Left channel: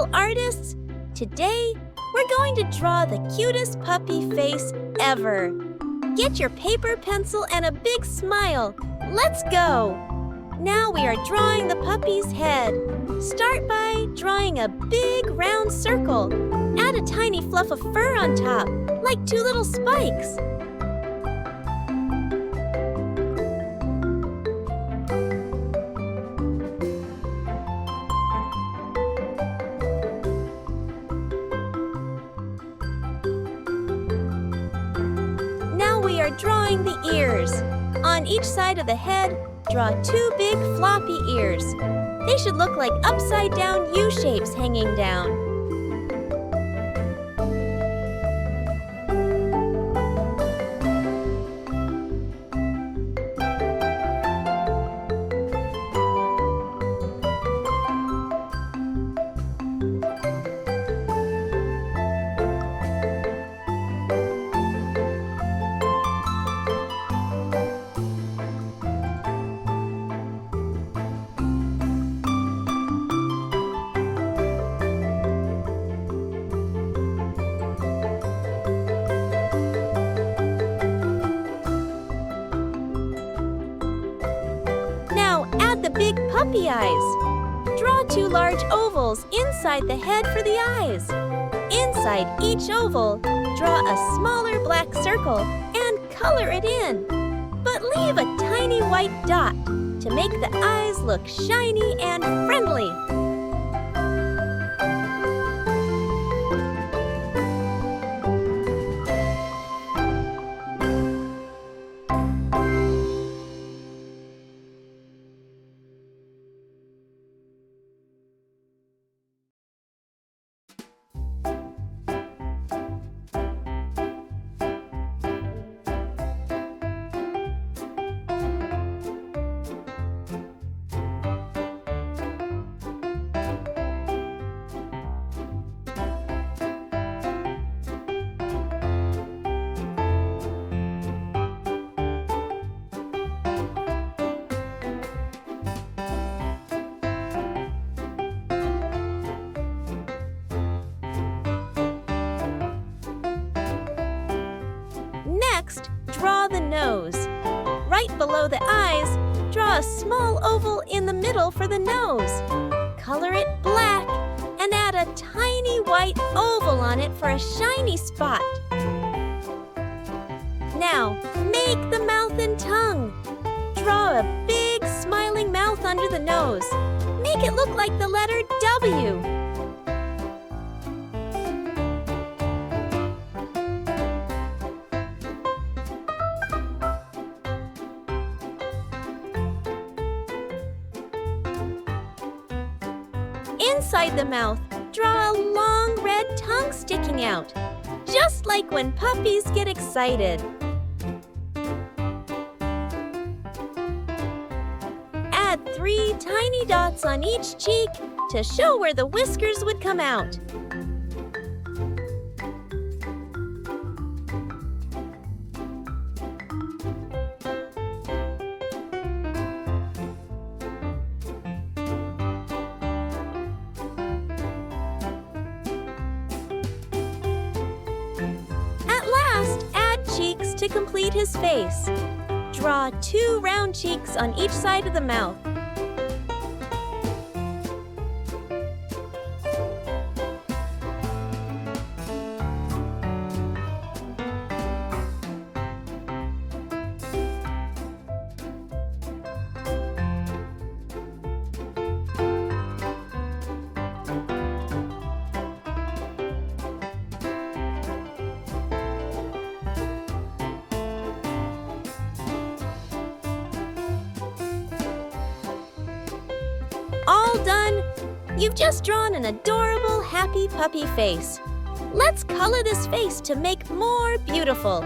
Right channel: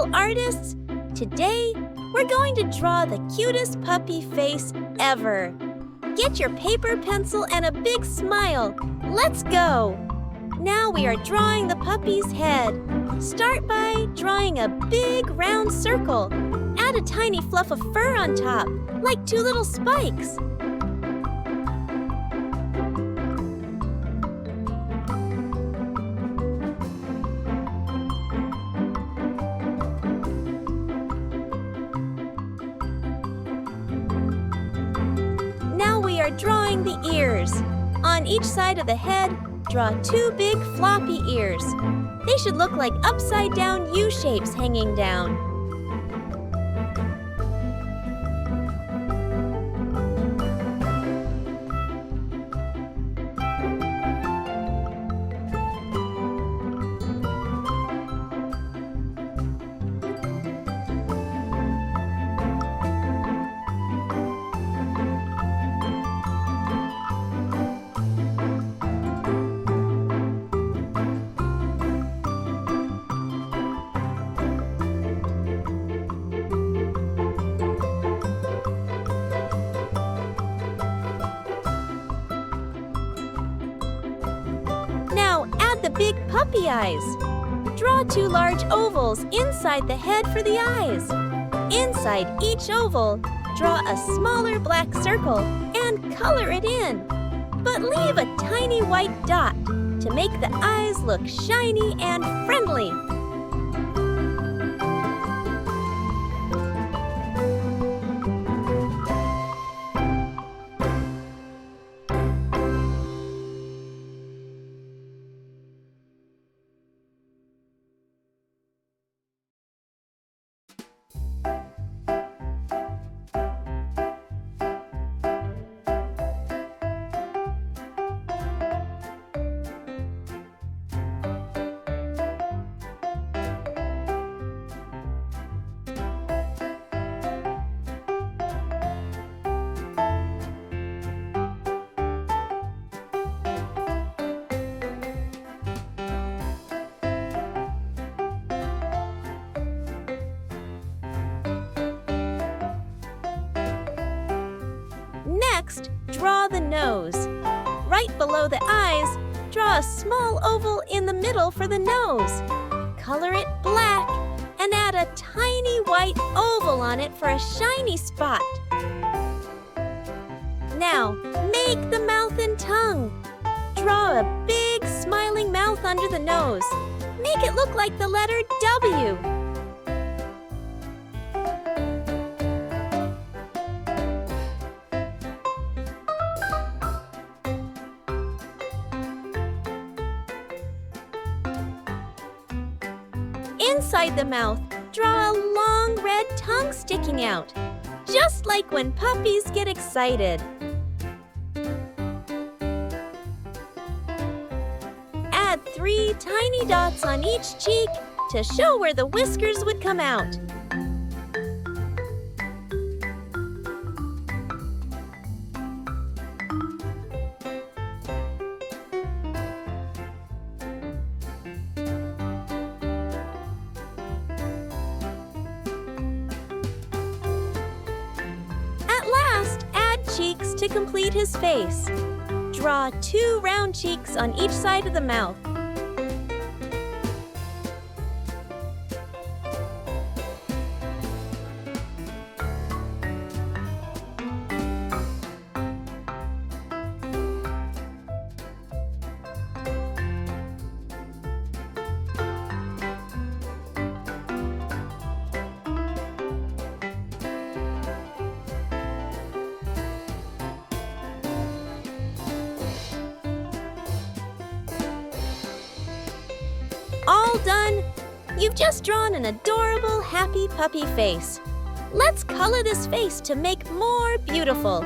little artists! Today, we're going to draw the cutest puppy face ever. Get your paper, pencil, and a big smile. Let's go! Now we are drawing the puppy's head. Start by drawing a big round circle. Add a tiny fluff of fur on top, like 2 little spikes. Now we are drawing the ears. On each side of the head, draw 2 big floppy ears. They should look like upside-down U-shapes hanging down. The big puppy eyes. Draw 2 large ovals inside the head for the eyes. Inside each oval, draw a smaller black circle and color it in. But leave a tiny white dot to make the eyes look shiny and friendly. Next, draw the nose. Right below the eyes, draw a small oval in the middle for the nose. Color it black and add a tiny white oval on it for a shiny spot. Now, make the mouth and tongue. Draw a big smiling mouth under the nose. Make it look like the letter W. Inside the mouth, draw a long red tongue sticking out, just like when puppies get excited. Add 3 tiny dots on each cheek to show where the whiskers would come out. Add cheeks to complete his face. Draw 2 round cheeks on each side of the mouth. All done! You've just drawn an adorable, happy puppy face. Let's color this face to make more beautiful.